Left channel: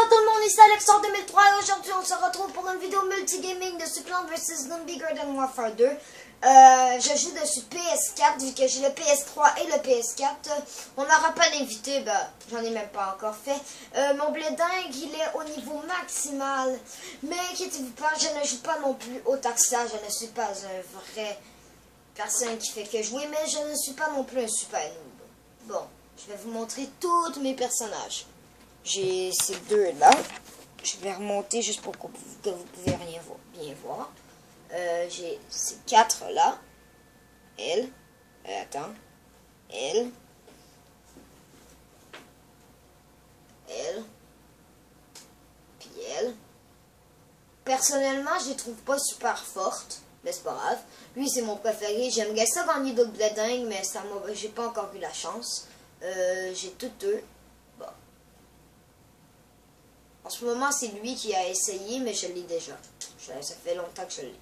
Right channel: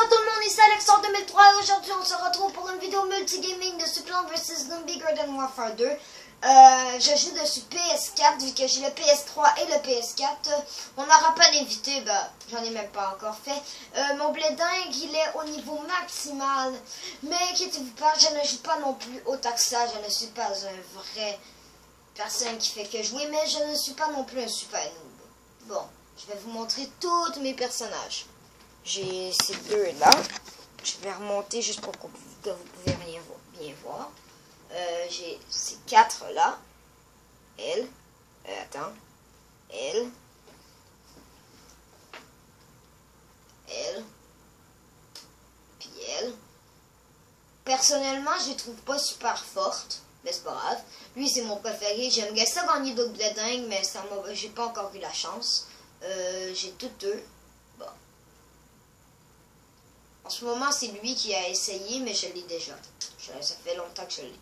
Bonjour tout le monde, ici Alexandre 2003 et aujourd'hui on se retrouve pour une vidéo multigaming de Plants vs Zombie Garden Warfare 2. Je joue dessus PS4 vu que j'ai le PS3 et le PS4. On n'aura pas d'invité, j'en ai même pas encore fait. Mon blé dingue il est au niveau maximal. Mais inquiétez-vous pas, je ne joue pas non plus autant que ça. Je ne suis pas un vrai personne qui fait que jouer, mais je ne suis pas non plus un super noob. Bon, je vais vous montrer tous mes personnages. J'ai ces deux là. Je vais remonter juste pour que vous puissiez bien voir. J'ai ces quatre là. Elle. Attends. Elle. Elle. Puis elle. Personnellement, je les trouve pas super fortes. Mais c'est pas grave. Lui, c'est mon préféré. J'aime bien ça gagner d'autres blé dingue, mais ça j'ai pas encore eu la chance. J'ai toutes deux. Bon. En ce moment, c'est lui qui a essayé, mais je l'ai déjà. Ça fait longtemps que je l'ai.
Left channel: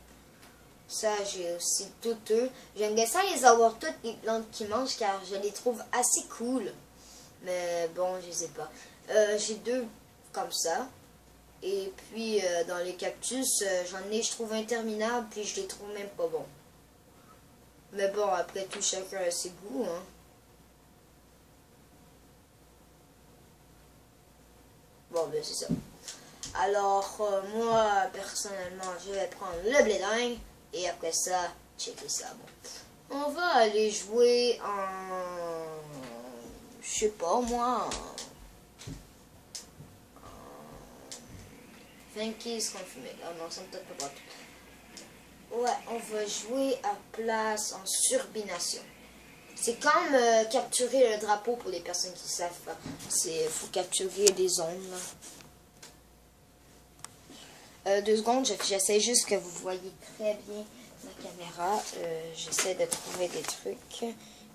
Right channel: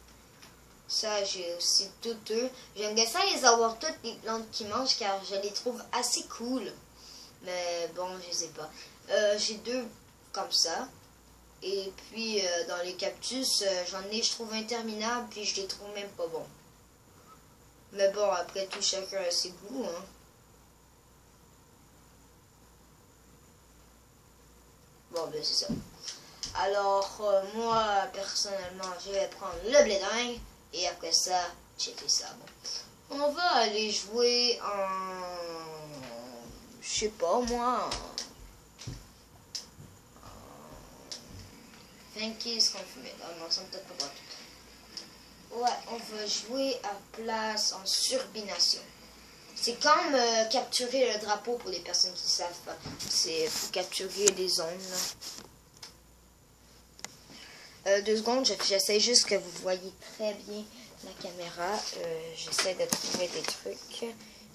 Ça, j'ai aussi toutes deux. J'aime bien ça les avoir toutes les plantes qui mangent, car je les trouve assez cool. Mais bon, je sais pas. J'ai deux comme ça. Et puis, dans les cactus, j'en ai, je trouve interminables, puis je les trouve même pas bons. Mais bon, après tout, chacun a ses goûts, hein. Bon, ben c'est ça. Alors, moi, personnellement, je vais prendre le blé dingue. Et après ça, checker ça. On va aller jouer en... Je sais pas, moi... 20 confirmé. Ah non, ça me donne pas droit. Ouais, on va jouer à place en surbination. C'est comme capturer le drapeau pour les personnes qui savent pas. C'est capturer des zones, là. 2 secondes, j'essaie juste que vous voyez très bien la caméra. J'essaie de trouver des trucs.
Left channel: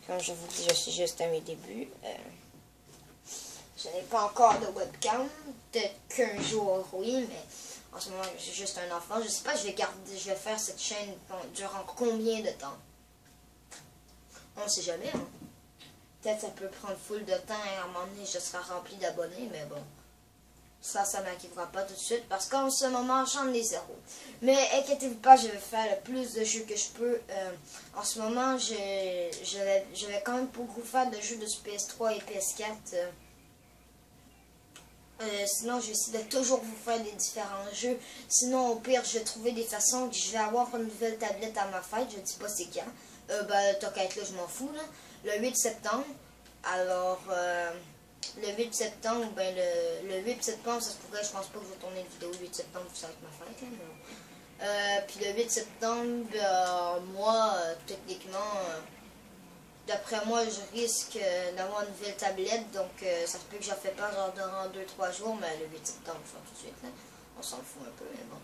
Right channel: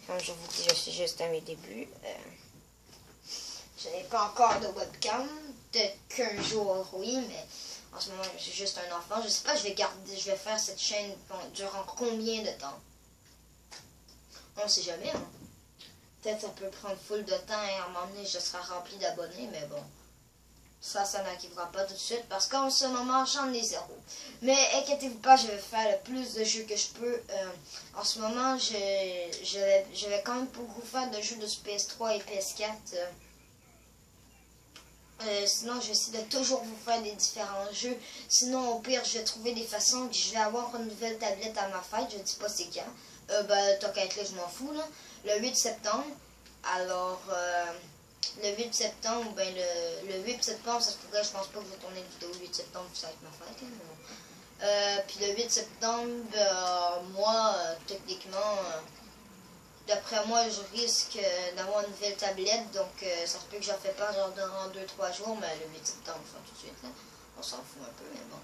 Comme je vous dis, je suis juste à mes débuts. Je n'ai pas encore de webcam. Peut-être qu'un jour, oui, mais en ce moment, je suis juste un enfant. Je sais pas, je vais faire cette chaîne durant combien de temps. On ne sait jamais, hein. Peut-être ça peut prendre full de temps et à un moment donné, je serai rempli d'abonnés, mais bon. Ça n'arrivera pas tout de suite parce qu'en ce moment, j'en ai 0. Mais inquiétez-vous pas, je vais faire le plus de jeux que je peux. En ce moment, je vais quand même beaucoup faire de jeux de PS3 et PS4. Sinon, je vais essayer de toujours vous faire des différents jeux. Sinon, au pire, je vais trouver des façons que je vais avoir une nouvelle tablette à ma fête. Je ne sais pas c'est quand. Tant qu'à être là, je m'en fous, là. Le 8 septembre. Alors... le 8 septembre, le 8 septembre, ça se pourrait, je pense pas que je vais tourner une vidéo le 8 septembre, ça va être ma fête. Puis le 8 septembre, moi, techniquement, d'après moi, je risque d'avoir une nouvelle tablette, donc ça se peut que j'en fais pas genre dans 2-3 jours, mais le 8 septembre, on va faire tout de suite, là. On s'en fout un peu, mais bon.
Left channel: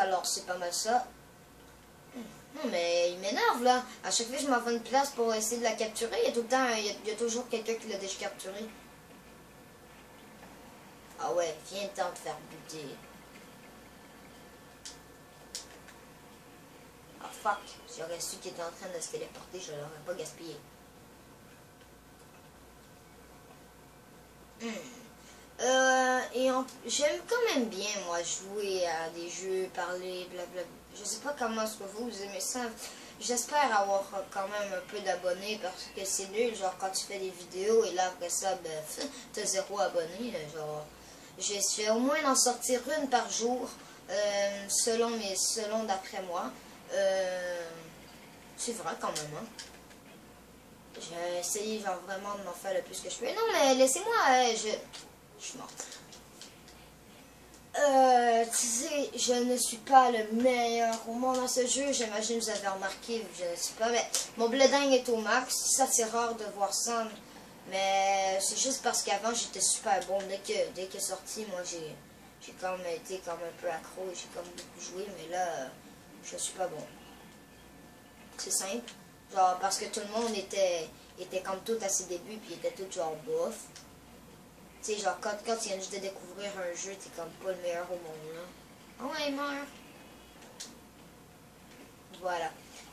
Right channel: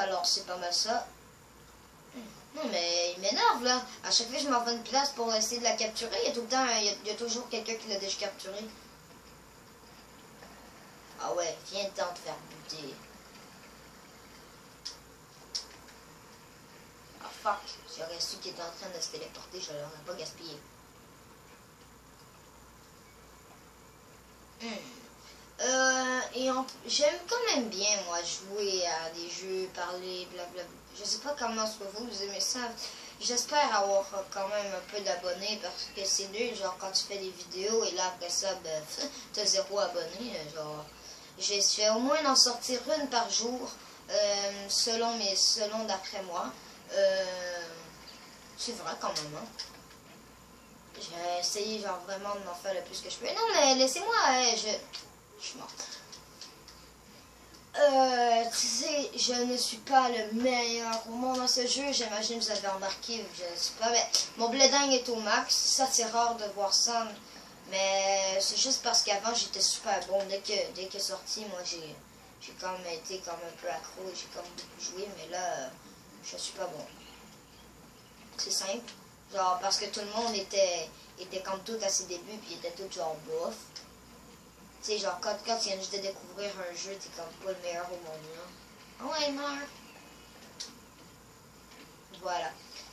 Alors, c'est pas mal ça. Non, mais il m'énerve, là. À chaque fois que je m'en vais une place pour essayer de la capturer, il y a tout le temps, il y a toujours quelqu'un qui l'a déjà capturé. Ah ouais, viens t'en te faire buter. Ah fuck, si j'aurais su qu'il était en train de se téléporter, je l'aurais pas gaspillé. J'aime quand même bien, moi, jouer à des jeux, parler, blablabla. Je sais pas comment est-ce que vous aimez ça. J'espère avoir quand même un peu d'abonnés parce que c'est nul, genre quand tu fais des vidéos et là après ça, t'as 0 abonnés. Genre, je vais au moins en sortir une par jour, selon d'après moi. C'est vrai quand même, hein. Je vais essayer genre vraiment de m'en faire le plus que je peux. Non mais laissez-moi, je suis morte. Tu sais, je ne suis pas le meilleur au monde dans ce jeu. J'imagine que vous avez remarqué, je ne suis pas. Mais mon blé dingue est au max. Ça, c'est rare de voir ça. Mais c'est juste parce qu'avant, j'étais super bon. Dès que sorti, moi, j'ai quand même été comme un peu accro. J'ai comme beaucoup joué. Mais là, je suis pas bon. C'est simple. Genre, parce que tout le monde était comme tout à ses débuts. Puis était tout genre bof. Tu sais, genre, quand tu viens juste de découvrir un jeu, t'es comme pas le meilleur au monde, là. Ah ouais, il meurt. Voilà.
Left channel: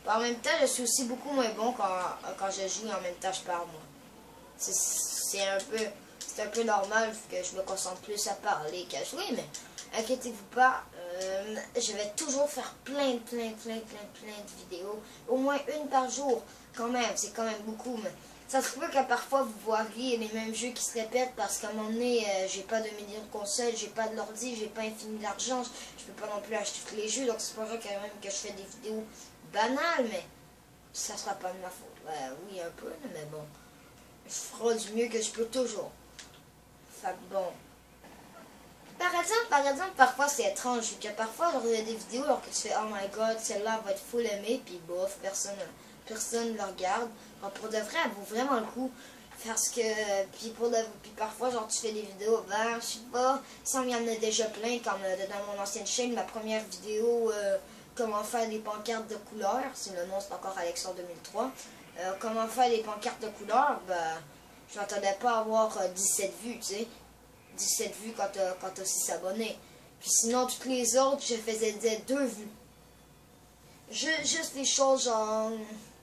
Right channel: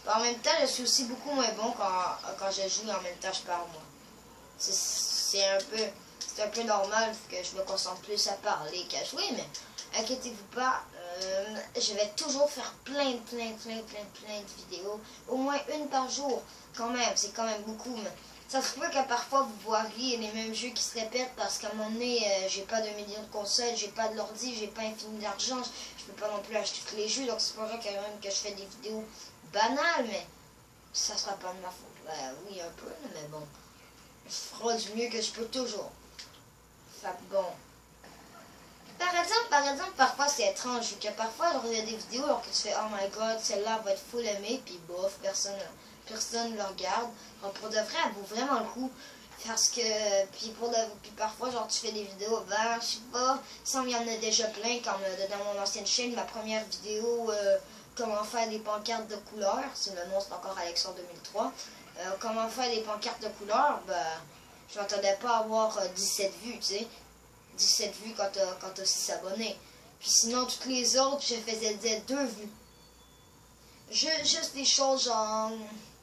En même temps, je suis aussi beaucoup moins bon quand je joue et en même temps, je parle, moi. C'est un peu... c'est un peu normal que je me concentre plus à parler qu'à jouer, mais inquiétez-vous pas, je vais toujours faire plein de vidéos, au moins une par jour, quand même, c'est quand même beaucoup, mais ça se peut que parfois vous voyez les mêmes jeux qui se répètent parce qu'à un moment donné, j'ai pas de millions de consoles, j'ai pas de l'ordi, j'ai pas infini d'argent, je peux pas non plus acheter tous les jeux, donc c'est pas vrai quand même que je fais des vidéos banales, mais ça sera pas de ma faute. Ben oui, un peu, mais bon, je ferai du mieux que je peux toujours. Fait bon. Par exemple, parfois c'est étrange, que parfois il y a des vidéos alors que tu fais oh my god, celle-là va être full aimée, puis bof, personne ne le regarde. Donc pour de vrai, elle vaut vraiment le coup. Parce que, puis parfois, genre tu fais des vidéos, ben je sais pas, il y en a déjà plein, comme dans mon ancienne chaîne, ma première vidéo, comment faire des pancartes de couleur, c'est le nom, c'est encore Alexandre 2003. Comment faire des pancartes de couleur, ben, je m'attendais pas à avoir 17 vues, tu sais. 17 vues quand t'as 6 abonnés. Puis sinon, toutes les autres, je faisais 2 vues. Juste des choses genre,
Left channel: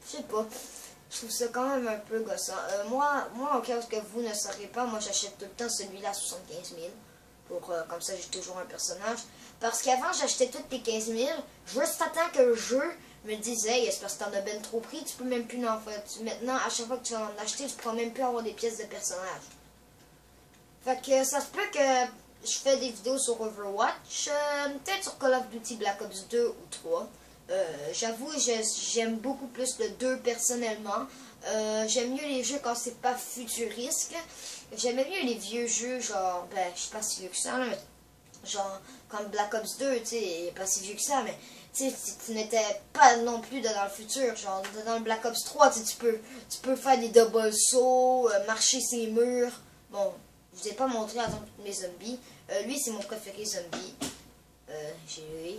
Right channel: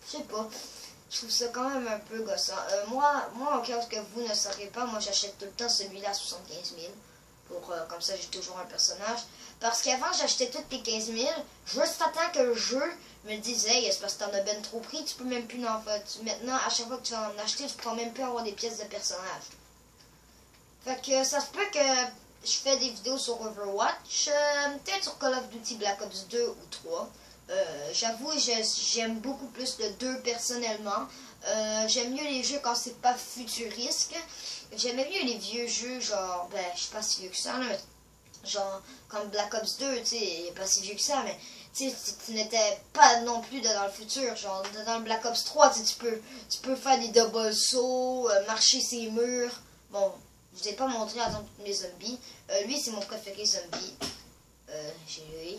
je sais pas, je trouve ça quand même un peu gossant. Moi, en cas que vous ne saurez pas, moi j'achète tout le temps celui-là à 75 000. Comme ça, j'ai toujours un personnage. Parce qu'avant, j'achetais toutes les 15 000. Juste à temps que le jeu me disait, hey, c'est parce que t'en as ben trop pris, tu peux même plus en faire. Maintenant, à chaque fois que tu vas en acheter, tu pourras même plus avoir des pièces de personnage. Fait que ça se peut que je fais des vidéos sur Overwatch, peut-être sur Call of Duty Black Ops 2 ou 3. J'avoue, j'aime beaucoup plus le 2 personnellement. J'aime mieux les jeux quand c'est pas futurisque. J'aimais mieux les vieux jeux, genre, ben, je suis pas si vieux que ça, là, mais genre, comme Black Ops 2, tu sais, pas si vieux que ça, mais tu n'étais pas non plus dans le futur. Genre, dans le Black Ops 3, tu peux faire des double sauts, marcher ses murs. Bon, je vous ai pas montré, par exemple, tous mes zombies. Lui, c'est mon préféré zombie. J'ai lui.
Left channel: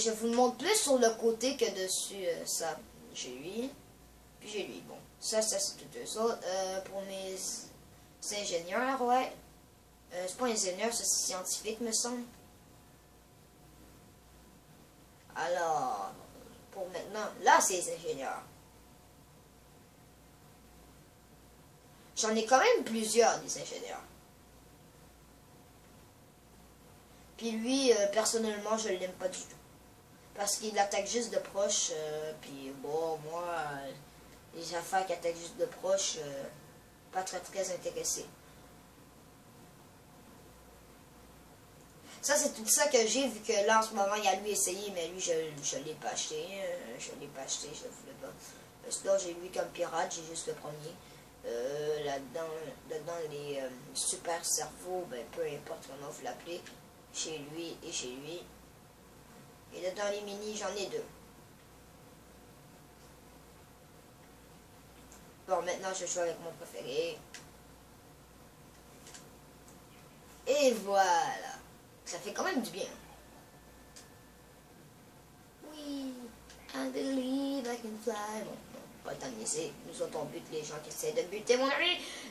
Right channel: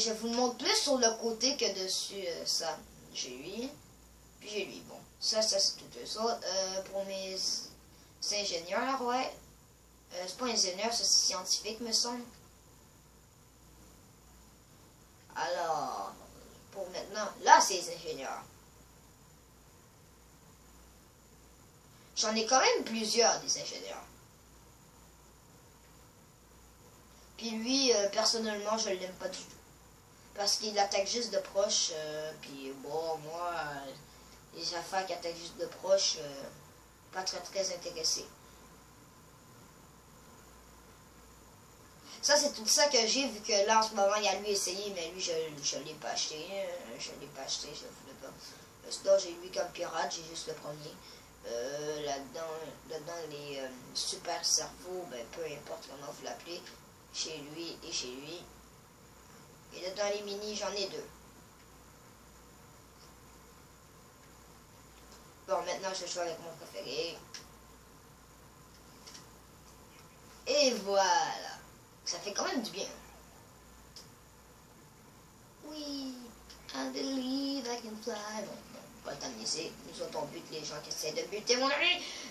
Je vous le montre plus sur le côté que dessus, ça. J'ai lui. Puis j'ai lui. Bon, ça c'est tout eux autres. Pour mes ingénieurs, ouais. C'est pas ingénieur, ça c'est scientifique, me semble. Alors, pour maintenant, là c'est les ingénieurs. J'en ai quand même plusieurs des ingénieurs. Puis lui, personnellement, je l'aime pas du tout. Parce qu'il attaque juste de proche, puis bon, moi, les affaires qui attaquent juste de proche, pas très intéressé. Ça, c'est tout ça que j'ai, vu que là, en ce moment, il y a lui essayé, mais lui, je ne l'ai pas acheté. Je ne l'ai pas acheté, je le voulais pas. Sinon, j'ai lui comme pirate, j'ai juste le premier. Là-dedans, les super cerveaux, ben, peu importe comment vous l'appelez, chez lui et chez lui. Et là, dans les mini, j'en ai 2. Bon, maintenant, je joue avec mon préféré. Et voilà. Ça fait quand même du bien. Oui, I believe I can fly. Bon, pas le temps de niaiser. Nous autres, on bute les gens qui essaient de buter. Moi,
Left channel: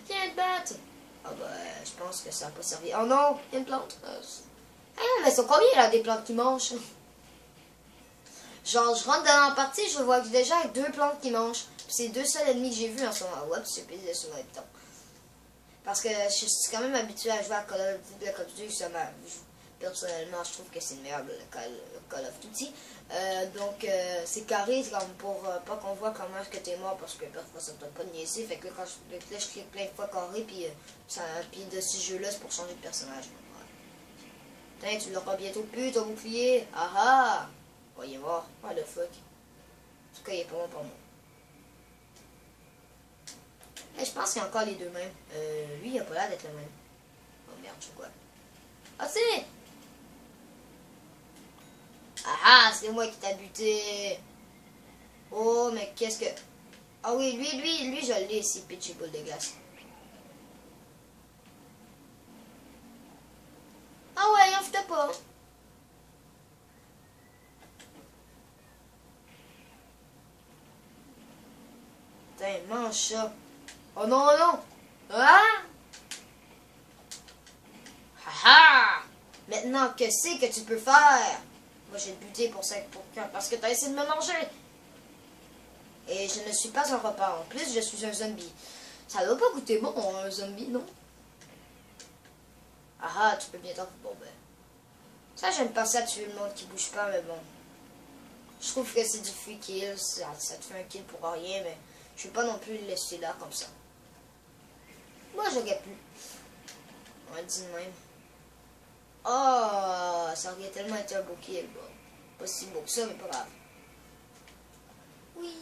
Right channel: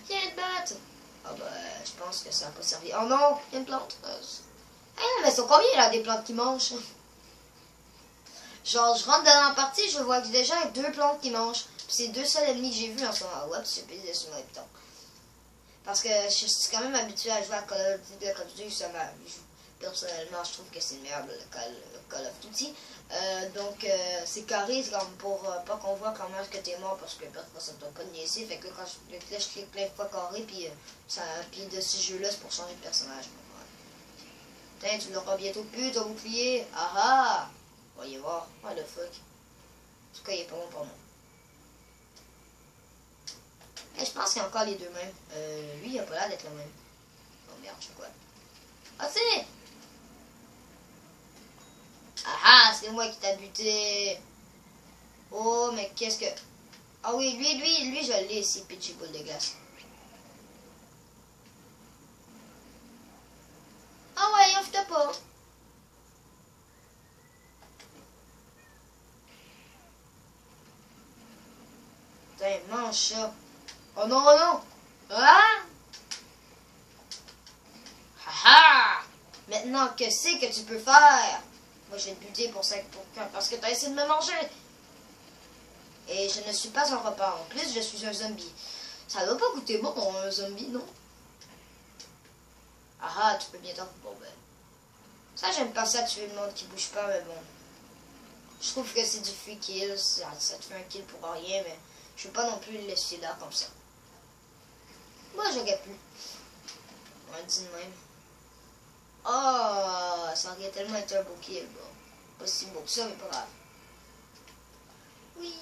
viens te battre. Ah bah, je pense que ça n'a pas servi. Oh non, il y a une plante. Ah, mais c'est combien, là, des plantes qui mangent? Genre, je rentre dans la partie, je vois que déjà il y a 2 plantes qui mangent. C'est 2 seuls ennemis que j'ai vus en ce moment. Oups, j'ai pété sur le bouton. Parce que je suis quand même habitué à jouer à Call of Duty Black Ops 2. Personnellement, je trouve que c'est le meilleur de Call of Duty. Donc, c'est carré, c'est comme pour pas qu'on voit comment est-ce que t'es mort, parce que parfois ça ne doit pas niaiser. Fait que quand je clique plein de fois carré, puis de ce jeu-là, c'est pour changer de personnage. Ouais. Tu l'auras bientôt plus, ton bouclier. Ah ah! Voyez voir. What the fuck. En tout cas, il est pas bon pour nous. Et je pense qu'il y a encore les 2 mêmes. Lui, il a pas l'air d'être le même. Oh merde, je vois. Ah, c'est! Ah ah, c'est moi qui t'a buté. Oh, mais qu'est-ce que... Ah oui, lui, je l'ai ici, Pitchy Boule de glace. Ah ouais, offre-toi pas. Putain, mange ça. Oh non, oh non. Ah! Haha! Maintenant, que c'est que tu peux faire? Moi, je vais te buter parce que t'as essayé de me manger. Et je ne suis pas un repas. En plus, je suis un zombie. Ça doit pas goûter bon, un zombie, non? Ah, tu peux bien t'en... Bon, ben... Ça, j'aime pas ça, tuer le monde qui bouge pas, mais bon. Je trouve que c'est du free kill, ça te fait un kill pour rien, mais je vais pas non plus le laisser là, comme ça. Moi, j'aurais pu. On va dire de même. Oh, ça aurait tellement été un beau kill, bon. Pas si beau que ça, mais pas grave. Oui,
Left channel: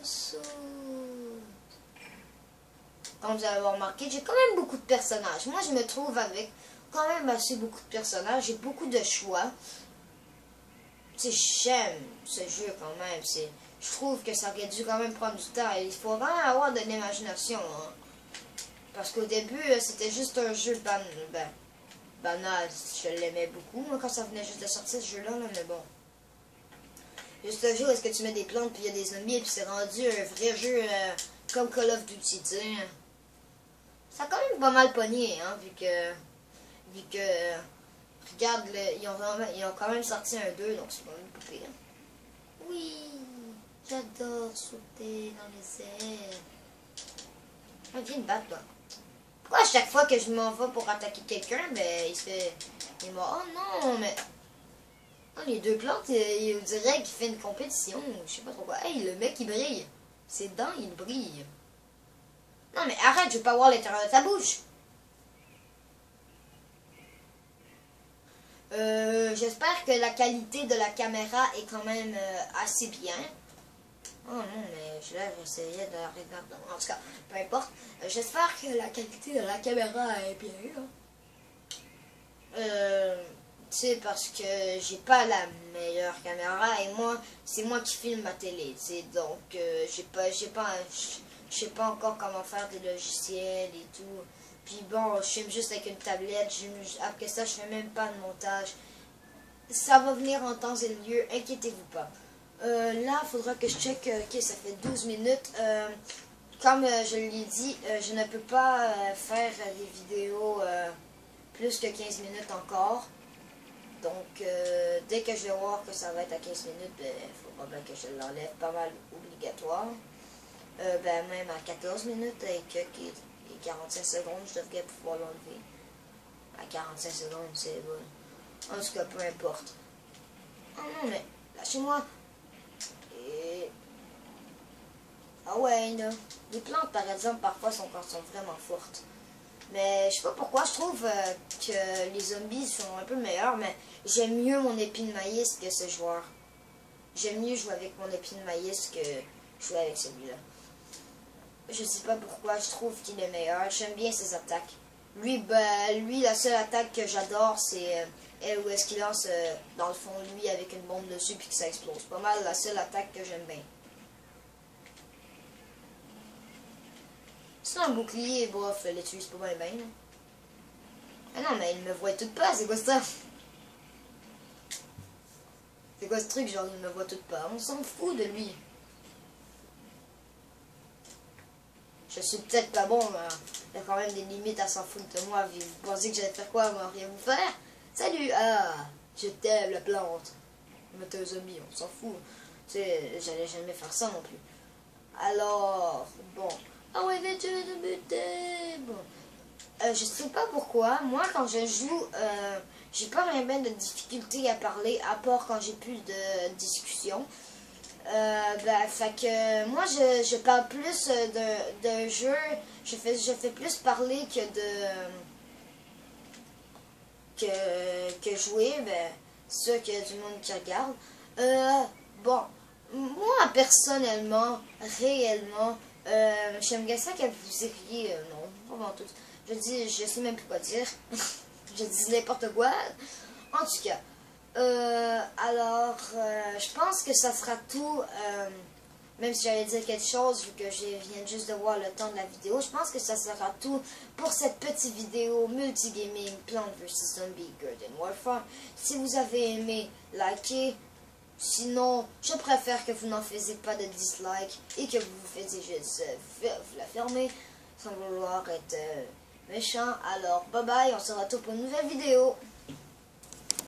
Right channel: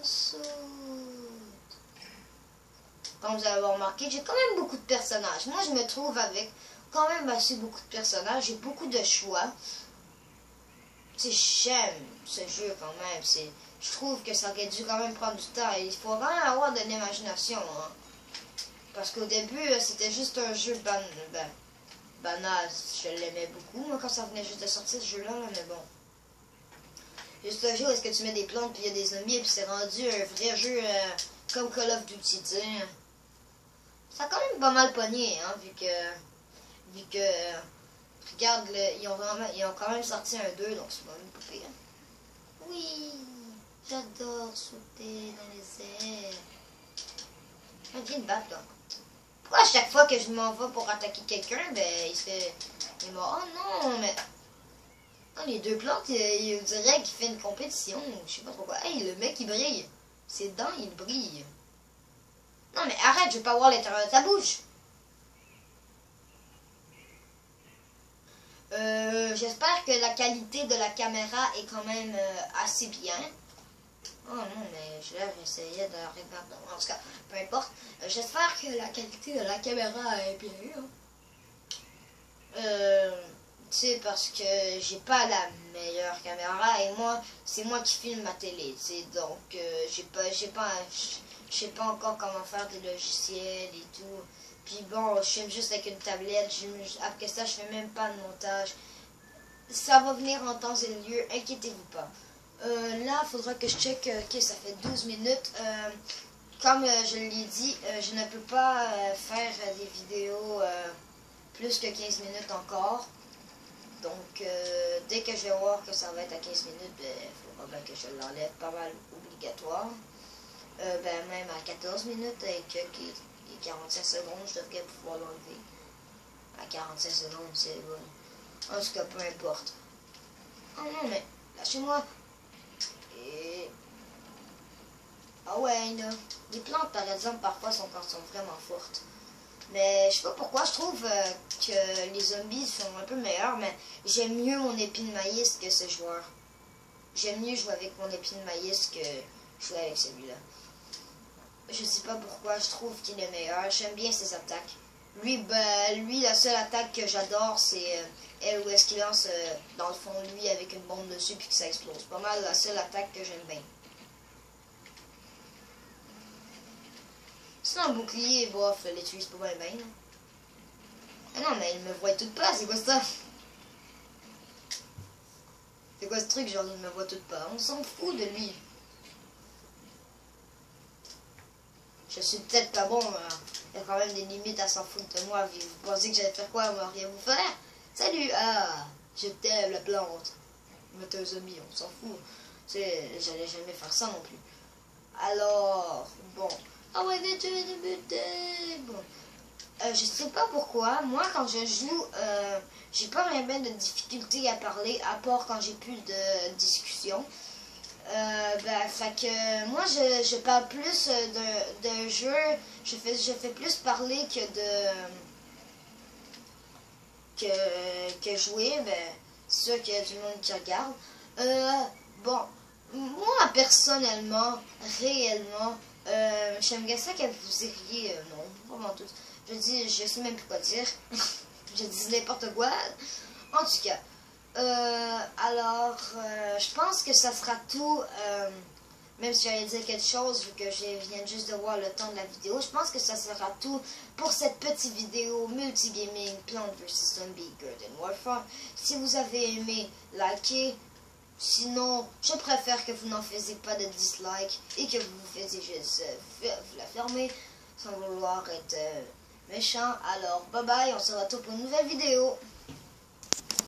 je saute. Comme vous allez remarqué, j'ai quand même beaucoup de personnages. Moi, je me trouve avec quand même assez beaucoup de personnages. J'ai beaucoup de choix. Tu sais, j'aime ce jeu quand même. Je trouve que ça aurait dû quand même prendre du temps. Il faut vraiment avoir de l'imagination. Hein. Parce qu'au début, c'était juste un jeu banal. Je l'aimais beaucoup. Moi, quand ça venait juste de sortir, ce jeu-là, mais bon. Juste un jeu où est-ce que tu mets des plantes, puis il y a des zombies, et puis c'est rendu un vrai jeu comme Call of Duty, tu sais. Ça a quand même pas mal pogné, hein, vu que regarde, ils ont quand même sorti un 2, donc c'est pas même pas pire. Oui, j'adore sauter dans les airs. Ah, viens de battre, là. Pourquoi à chaque fois que je m'en vais pour attaquer quelqu'un, ben, il est mort. Oh non, mais... Non, les deux plantes, on dirait qu'il fait une compétition, ou je sais pas trop quoi. Hey, le mec, il brille. Ses dents, il brille. Non, mais arrête, je veux pas voir l'intérieur de ta bouche. J'espère que la qualité de la caméra est quand même assez bien. Oh non, mais là, j'essayais de la regarder. En tout cas, peu importe. J'espère que la qualité de la caméra est bien. Tu sais, parce que j'ai pas la meilleure caméra et moi, c'est moi qui filme ma télé. Donc, je sais pas encore comment faire des logiciels et tout. Puis bon, je filme juste avec une tablette. Après ça, je fais même pas de montage. Ça va venir en temps et lieu, inquiétez-vous pas. Là, il faudra que je check. Ok, ça fait 12 minutes. Comme je l'ai dit, je ne peux pas faire des vidéos plus que 15 minutes encore. Donc, dès que je vais voir que ça va être à 15 minutes, il faudra bien que je l'enlève, pas mal obligatoire. Même à 14 minutes, avec les 45 secondes, je devrais pouvoir l'enlever. À 45 secondes, c'est... en tout cas, peu importe. Oh non, mais lâchez-moi. Et... Ah ouais, là. Les plantes, par exemple, parfois sont vraiment fortes. Mais je sais pas pourquoi, je trouve que les zombies sont un peu meilleurs, mais j'aime mieux mon épine de maïs que ce joueur. J'aime mieux jouer avec mon épine de maïs que jouer avec celui-là. Je sais pas pourquoi, je trouve qu'il est meilleur. J'aime bien ses attaques. Lui, la seule attaque que j'adore, c'est elle où est-ce qu'il lance, dans le fond, lui, avec une bombe dessus puis que ça explose. Pas mal la seule attaque que j'aime bien. Sinon, le bouclier, bof, l'utilise pas bien bien. Ah non, mais il me voit toute part, c'est quoi ça? C'est quoi ce truc, genre il me voit toute part? On s'en fout de lui. Je suis peut-être pas bon, mais il y a quand même des limites à s'en foutre de moi. Vous pensez que j'allais faire quoi? Moi, rien vous faire? Salut! Ah! Je t'aime, la plante. Mais t'es un zombie, on s'en fout. Tu sais, j'allais jamais faire ça non plus. Alors, bon. Ah ouais, mais tu vas te buter! Bon. Je sais pas pourquoi. Moi, quand je joue, j'ai pas vraiment de difficulté à parler, à part quand j'ai plus de discussion. Fait que moi, je parle plus d'un jeu. Je fais plus parler que jouer. C'est sûr qu'il y a du monde qui regarde. Bon, moi, personnellement, réellement, j'aimerais ça que vous diriez, non, pas tous. Je sais même plus quoi dire. Je dis n'importe quoi. En tout cas, je pense que ça sera tout. Même si j'allais dire quelque chose, vu que je viens juste de voir le temps de la vidéo, je pense que ça sera tout pour cette petite vidéo multigaming Plants vs Zombies Garden Warfare. Si vous avez aimé, likez. Sinon, je préfère que vous n'en faisiez pas de dislike et que vous faisiez juste la fermer sans vouloir être méchant. Alors, bye bye, on se retrouve pour une nouvelle vidéo.